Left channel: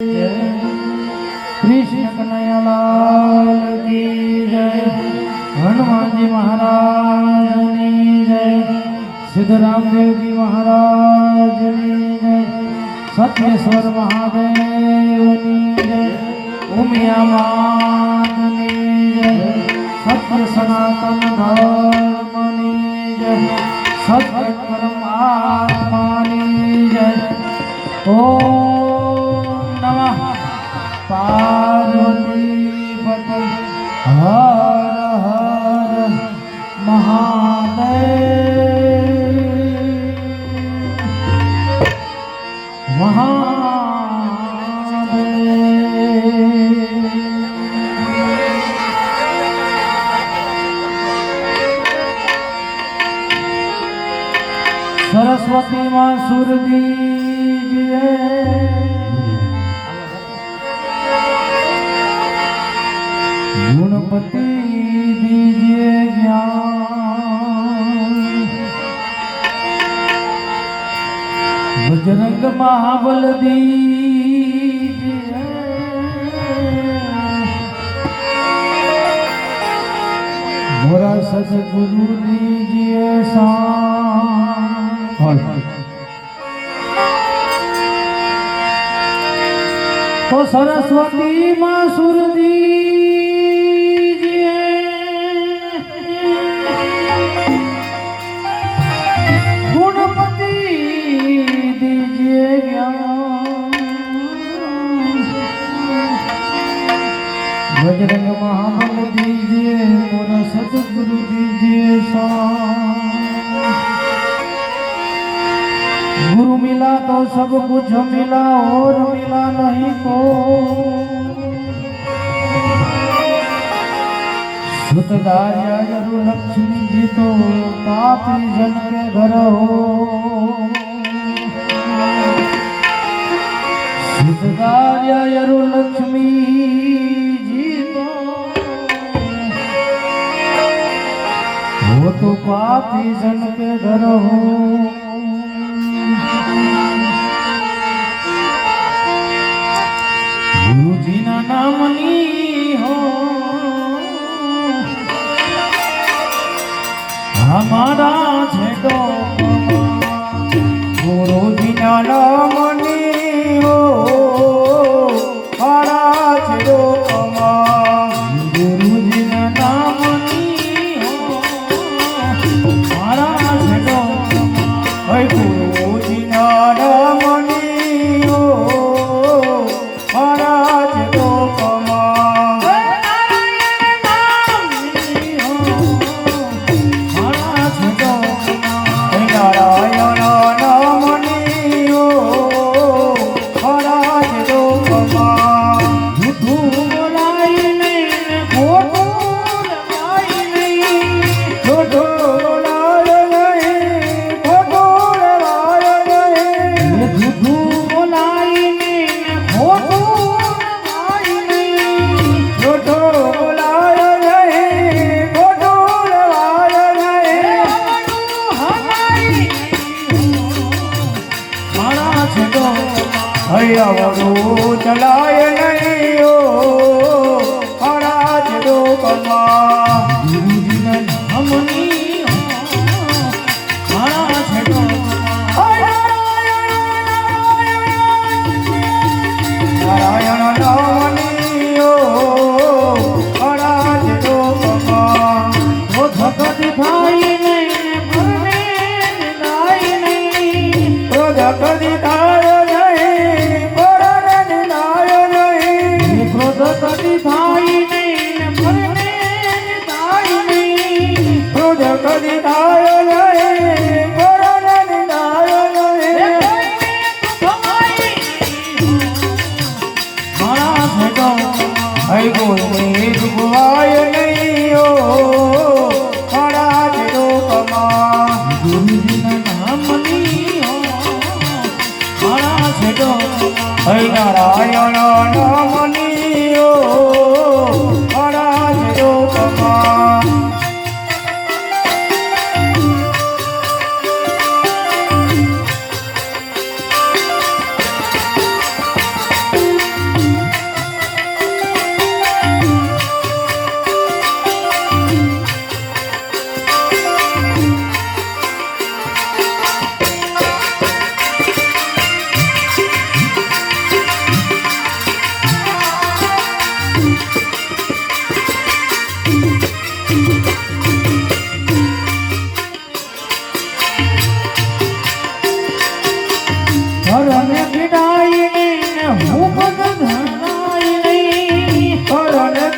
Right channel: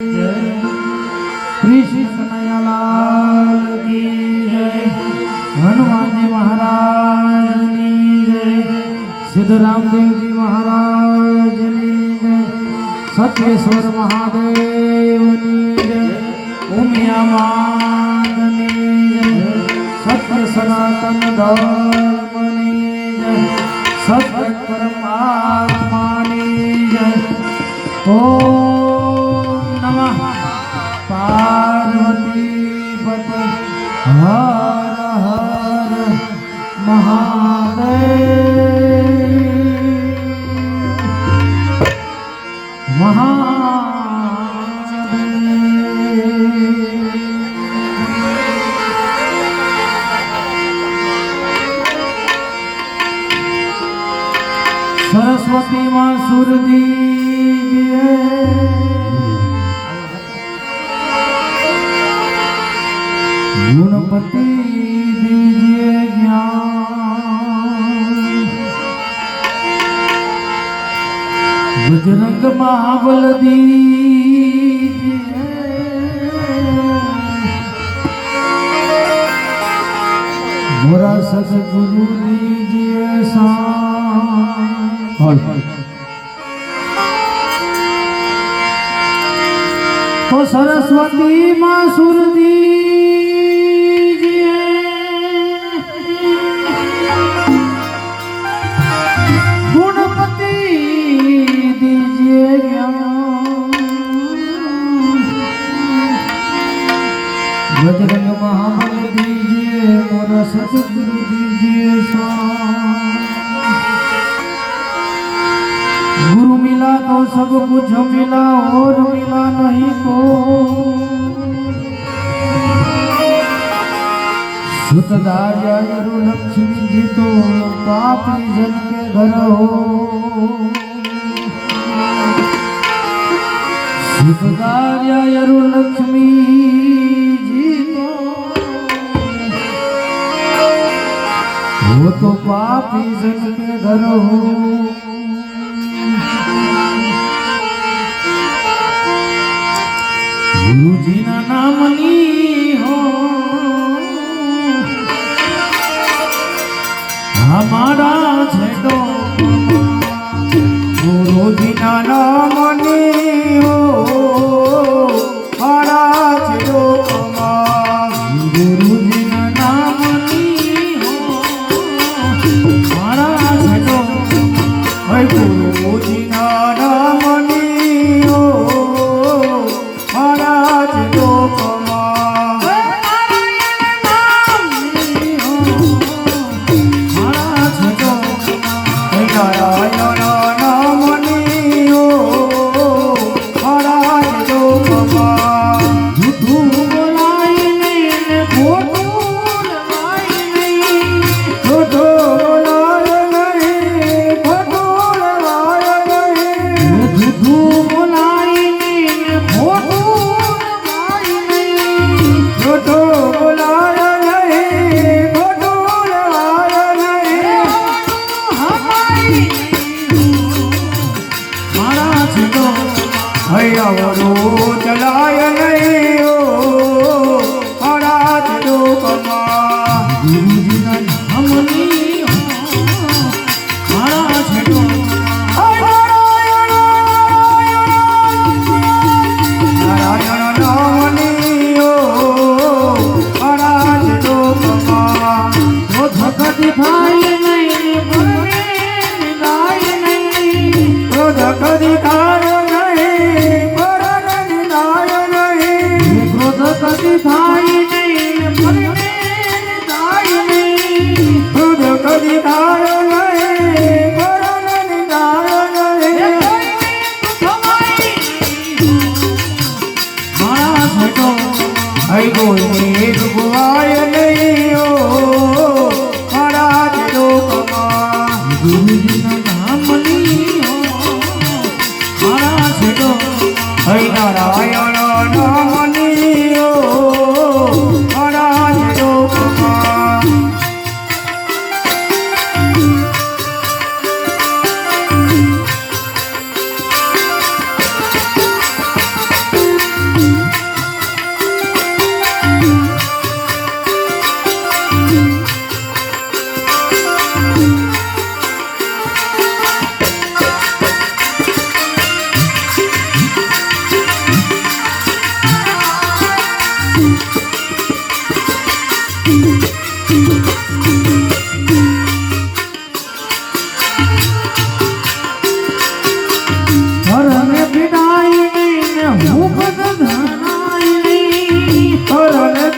कृष्ण कन्हैया लाल की जय। हनुमान जी महाराज की जय। सिद्धराम देव जी महाराज की जय। सत्येश्वर महादेव की जय। उमिया मान की जय। सत्य सनातन धर्म की जय। सत्य परमात्मा की जय। ओम नमः पार्वती पति हर हर महादेव सरस्वती माँ सुरदी गुणपति दीजिए ज्ञान। बजरंग महाबल दीजिए। मोरा सतगुरु दीजिए शान। तो सरस्वती माँ सुरदी बजरंग महाबल दीजिए। मोरा सतगुरु दीजिए गुरु मिला तो सब कुछ मिला और मिला नहीं को। सुतदाया गुरु लक्ष्मी जी तो पापी जन के घर हो। सुतदाया गुरु लक्ष्मी वो तो पापी जन के घर हो। गुरु जी ना नामनी हो हमारा छेड़ो। गुरु जी ना नामनी हो हमारा छेड़ो। गुरु जी ना नामनी गुरु जी नामनी हो महाराज दो कमा। महाराज दो नारायण नामनी हो महाराज दो कमा। झूठू बोलाई नहीं खोटू लगाई नहीं। झूठू वड़ो चलाय नहीं हो महाराज दो कमा। गुरु जी ना नामनी हो महाराज दो। नारायण नामनी हो महाराज दो कमा। तो धक दिखाई नहीं नहीं। तो धक दिखाई कदी भाई ने दाई ने खुद कदी दाई ने बरन दाई ने महाराज तो आई गोई दुआय नहीं हो महाराज तो कमा। गुरु जी ना नामनी हो महाराज तो आई नारायण नामनी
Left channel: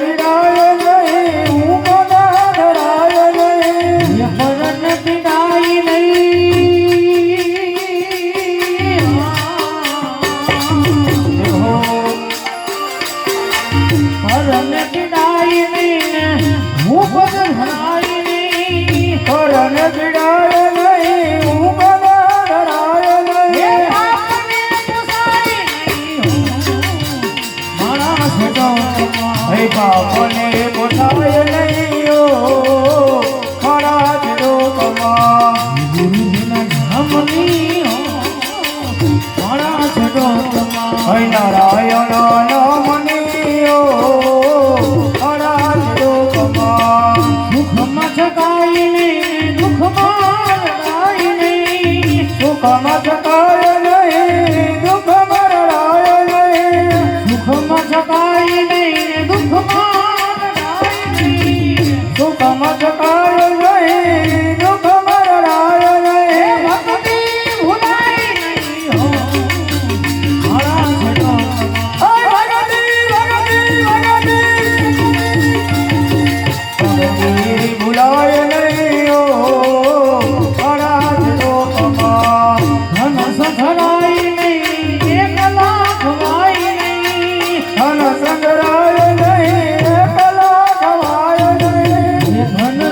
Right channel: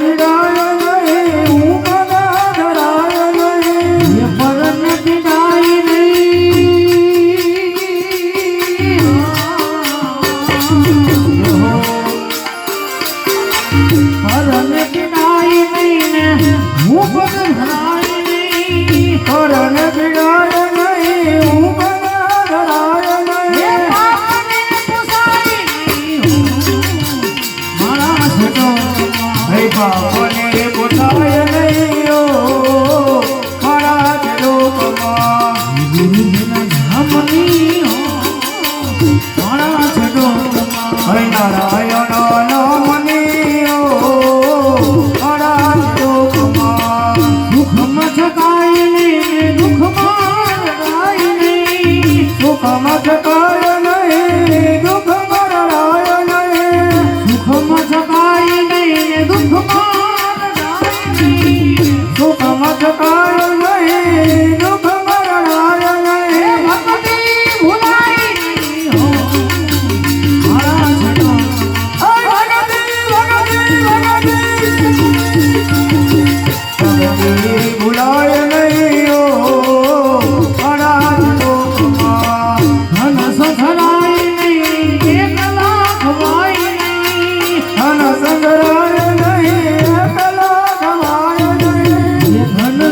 પીડાય નહીં હું મને ડરાય નહીં પરન પીડાય નહીં પરન પીડાય નહીં હું મને હરાય નહીં પરન પીડાય નહીં હું મને ડરાય નહીં બાપને પોતાય નહીં મારા લોકમાં ગુરુજીના નામની મારા લોકમાં નારાયણ નામની મારા લોકમાં સુખમાં છકાય નહીં દુઃખમાં રડાય નહીં સુખમાં છકાય નહીં દુઃખમાં રડાય નહીં સુખમાં છકાય નહીં સુખમાં છકાય નહીં દુઃખમાં રડાય નહીં ભક્તિ ભૂલાય નહીં મારા ભક્તિ ભૂલાય નહીં મારા લોકમાં ધન સંઘરાય નહીં એકલા ખવાય નહીં ધન સંઘરાય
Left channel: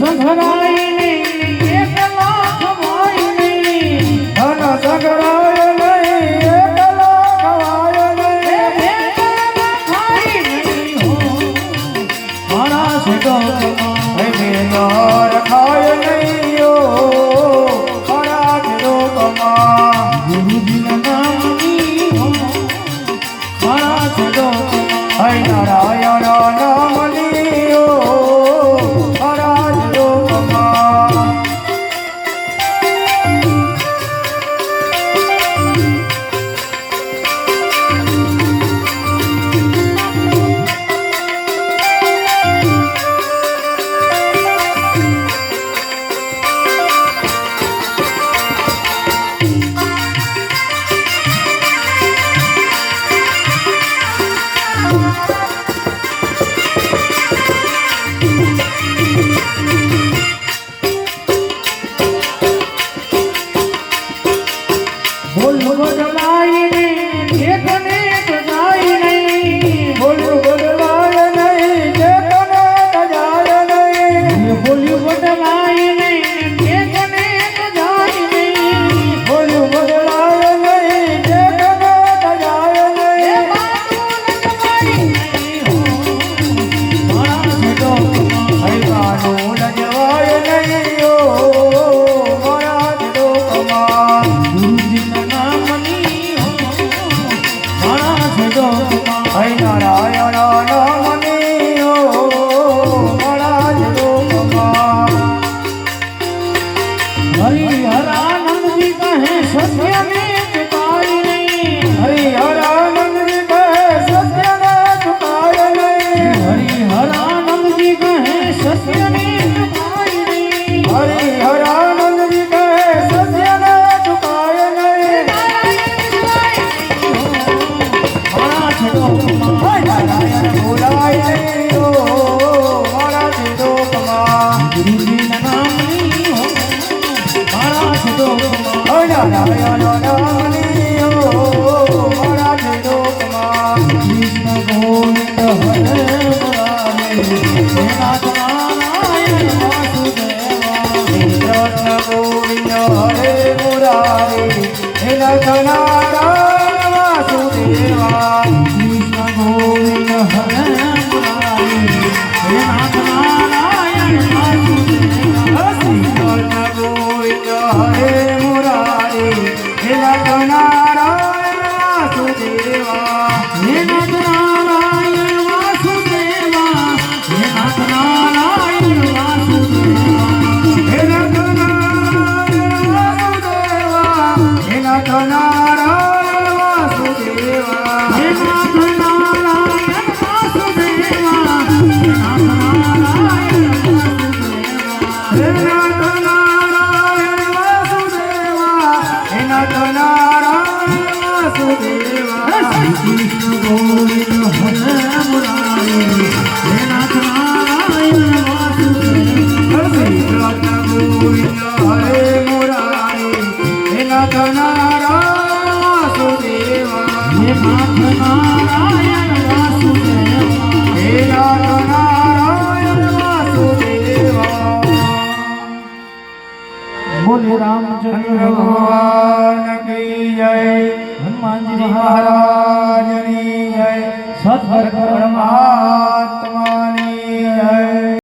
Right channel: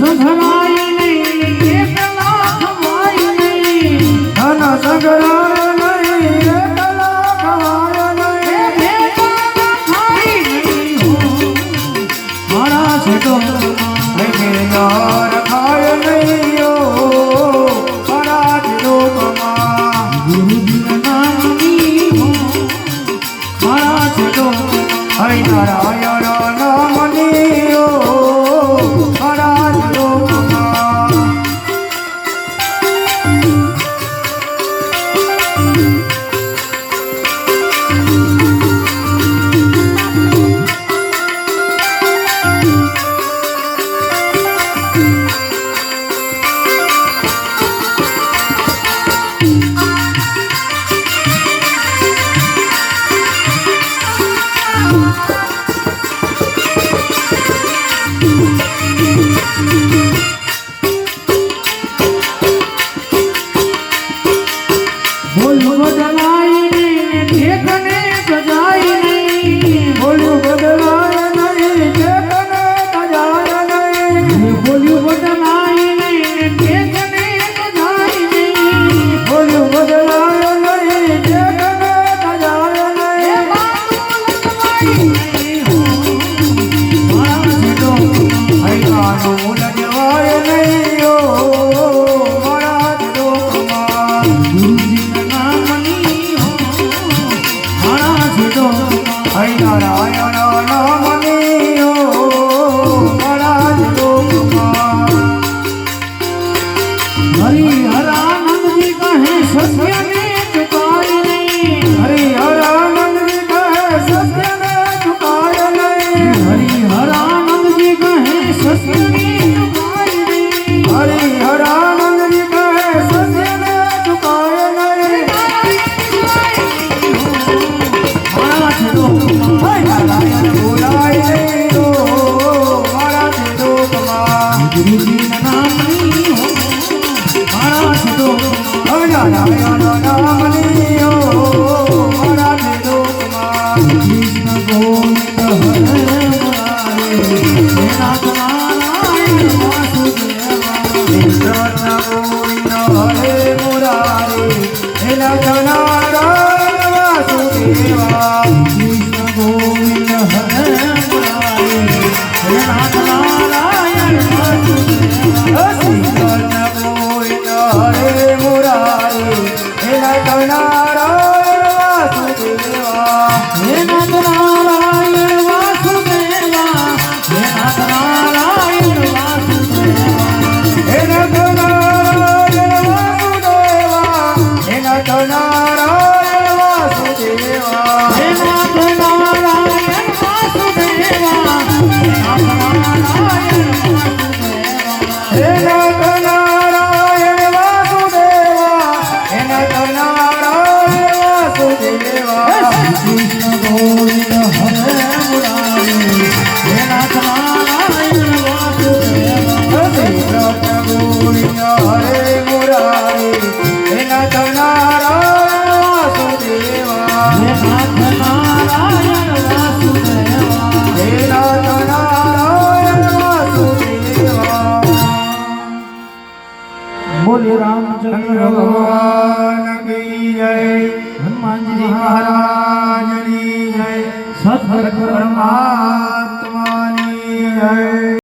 સંઘરાય નહીં એકલા ખવાય નહીં ધન સંઘરાય નહીં એકલા ખવાય નહીં ભેગા ખાય નહીં મારા છેટો ભેગા રખાય નહીં મારા લોકમાં ગુરુજીના નામની મારા છેટો નારાયણ નામની બોલું બદલાય નહીં ઠેકને સજાય નહીં બોલું બદલાય નહીં ઠેકને સજાય નહીં બોલું બદલાય નહીં ઠેકને સજાય નહીં બોલું બદલાય નહીં ઠેકને સજાય નહીં મારા છોટો હૈવાનું લજવાય નહીં મારા લોકમાં નારાયણ નામની મારા લોકમાં હરિહરાનંદજી કહે સત્યને ચુકાય નહીં હરિહરાનંદજી કહે સત્યને ચુકાય નહીં હરિહરાનંદજી કહે સત્યને ચુકાય નહીં હરિહરાનંદજી કહે સત્યને ચુકાય નહીં મારા છોડો બોલાય નહીં મારા લોકમાં ગુરુજીના નામની મારા છોડો નારાયણ નામની મારા લોકમાં કૃષ્ણ ગોવિંદ હરે મુરારી નાથ નારાયણ વાસુદેવા કૃષ્ણ ગોવિંદ હરે મુરારી નાથ નારાયણ વાસુદેવા કૃષ્ણ ગોવિંદ હરે મુરારી નાથ નારાયણ વાસુદેવા કૃષ્ણ ગોવિંદ હરે મુરારી નાથ નારાયણ વાસુદેવા નાથ નારાયણ વાસુદેવા નાથ નારાયણ વાસુદેવા નાથ નારાયણ વાસુદેવા કૃષ્ણ ગોવિંદ હરે મુરારી સત્કર્મા